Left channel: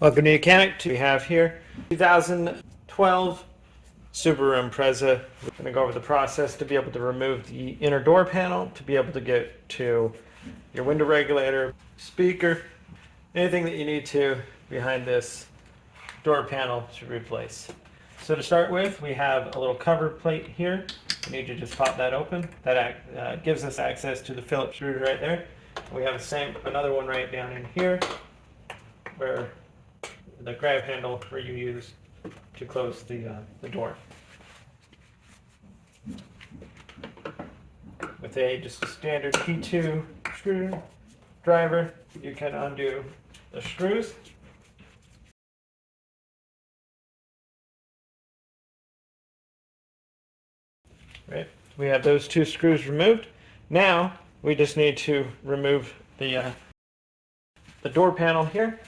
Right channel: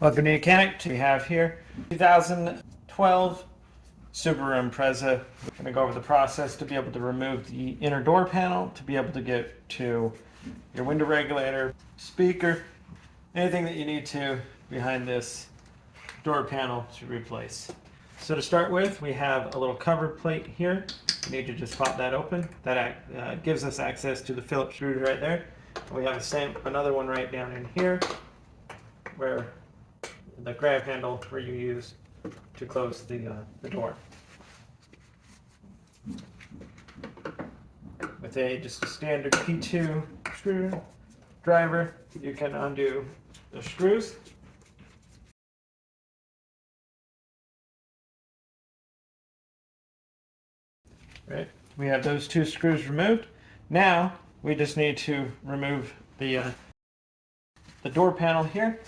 Welcome to Mechanic. We have here 2012 Subaru Impreza. We're going to go over the process to be able to remove the inner door panel, to be able to get to your window regulator, speaker, anything that you need to behind this door panel to replace. So to start with, we have a little cover plate here. We need to just pop that open. That gives us access to the Phillips screw right there. We have another one right down in here where the grab handle where you use to close the door. With just a standard P2 screwdriver, you can undo the screws. Right, we have those two screws removed. Now we just need to remove the door panel here,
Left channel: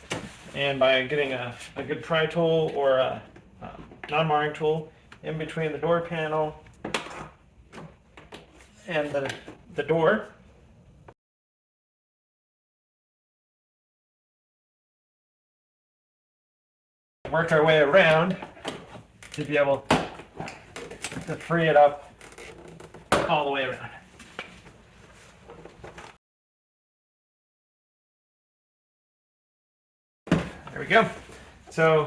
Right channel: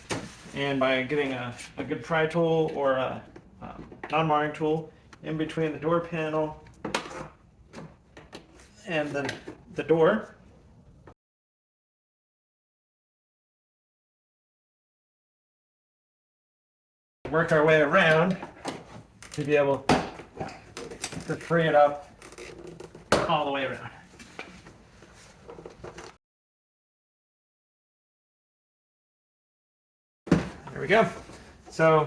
and by getting a good pry tool or a non-marring tool in between the door panel and the door. Work our way around to be able to free it up all the way around. There we go. So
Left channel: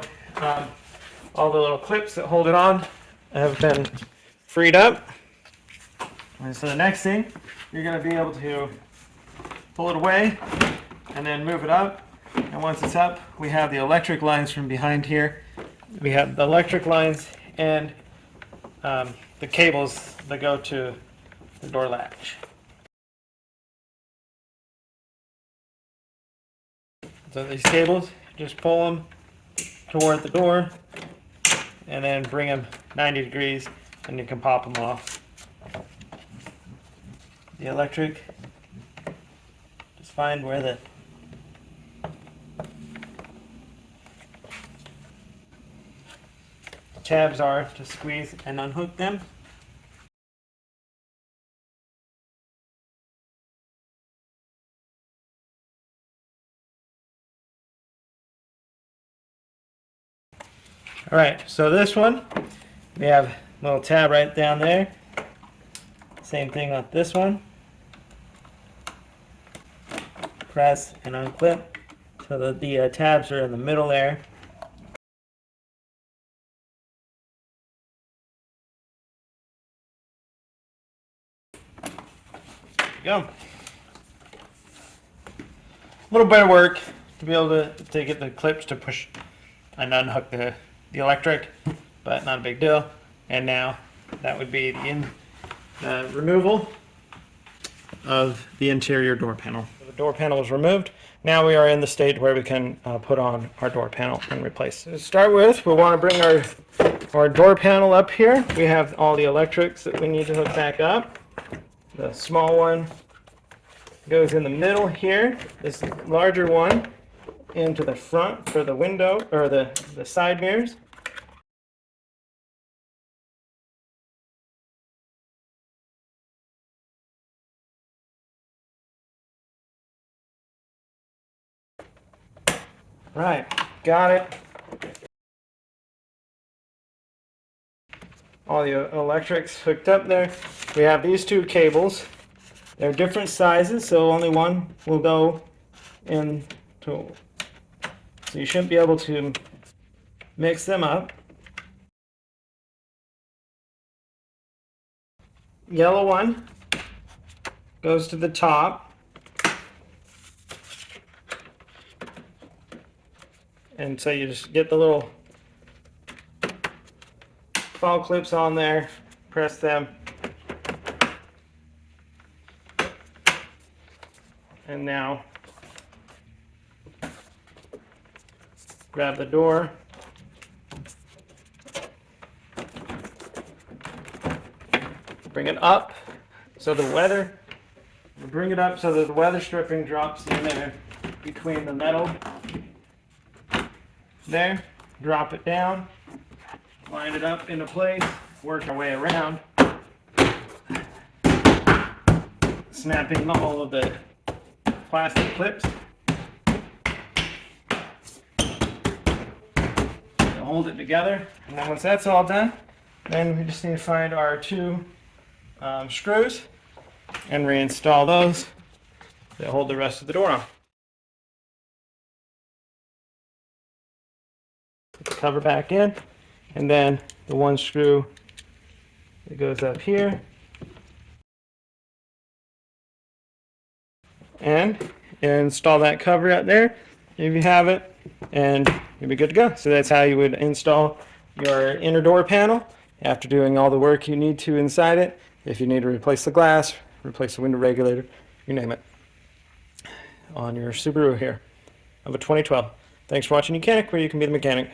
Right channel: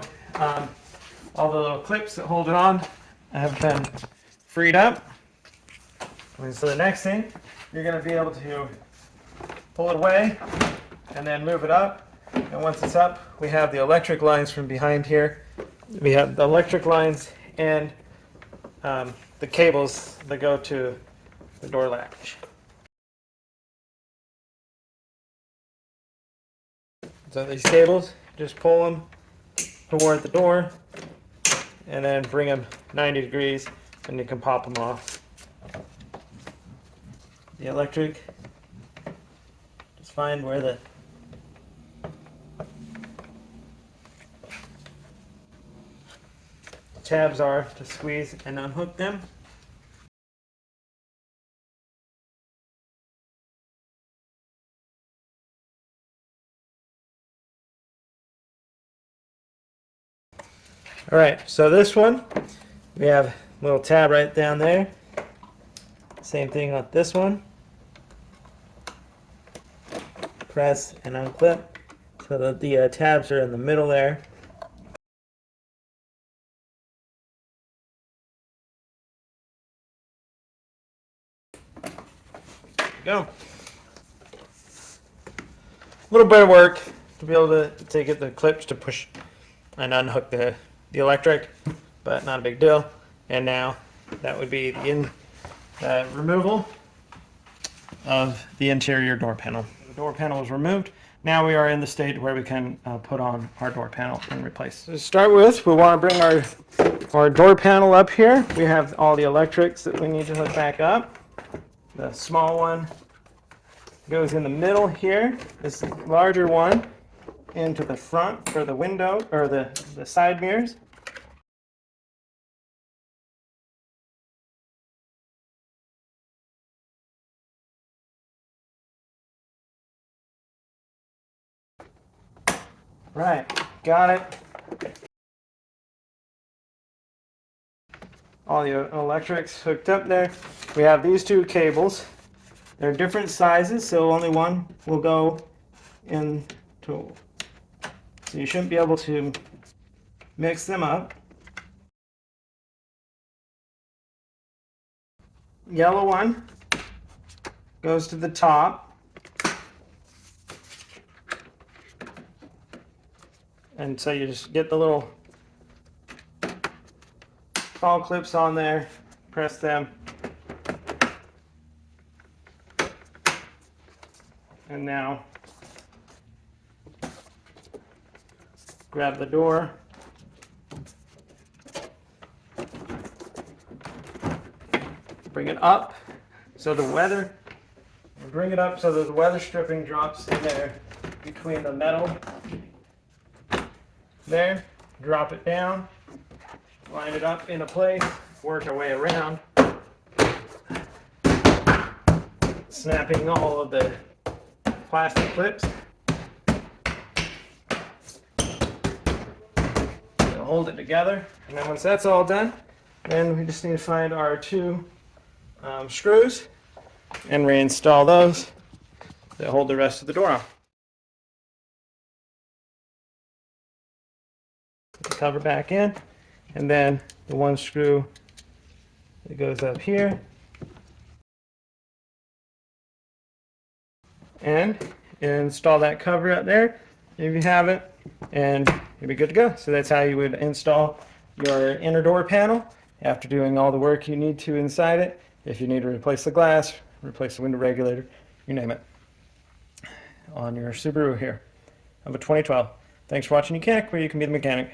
all the little clips that hold it on have been freed up. And so the next thing, you're going to be able to pull it away and then move it up. And once it's up, we have the electric lines from behind here. We have the electric lines and the cables that go to the door latch. So these cables, just pull them toward the door and then bring them 90 degrees and you can pop them off. The electric, just find where the tabs are to squeeze and unhook them. All right, so this one, we have a little tab right down there. Same thing with this one. Press and unclip so that the tabs are in the middle there. There we go. A little bit of work to be able to get the clips to push and unhook the electric, but not a big deal. And now that would be the removal of the interior door panel. The door panel is removed. Now we are in the state where we can put on our door panel and replace. To start with, we want to bring our door panel up here. We have all the electrics that we need to hook back up. The small one goes in the middle here. This larger one into the front for the window or the side mirrors. Right, got it. All the electrics hooked up there. We have these two cables. They're different sizes, so only one will go in total. So you shouldn't be able to mix them up. Yellow one goes to the top. And so you just get the little fall clips on there, press them, and now grab the door, bring it up so the weather, bring it up so that the weather stripping drops in there between the metal. There, drop it down, line it up into place, work our way around, snapping all of the plastic clips. hold it together. And then once that's all done, then we just need to find our two screws and reinstall those that hold the rest of the door on. Put the cover back in, and then the one screw that goes up here, and install that cover out there if you have it, and you'll be good to go. So that's how you would install your inner door panel after doing all the work you need to inside it. If you need to replace the glass, replace the window regulator, you name it, on your Subaru here of a 2012. Thanks for watching Mechanic, where you can be the mechanic.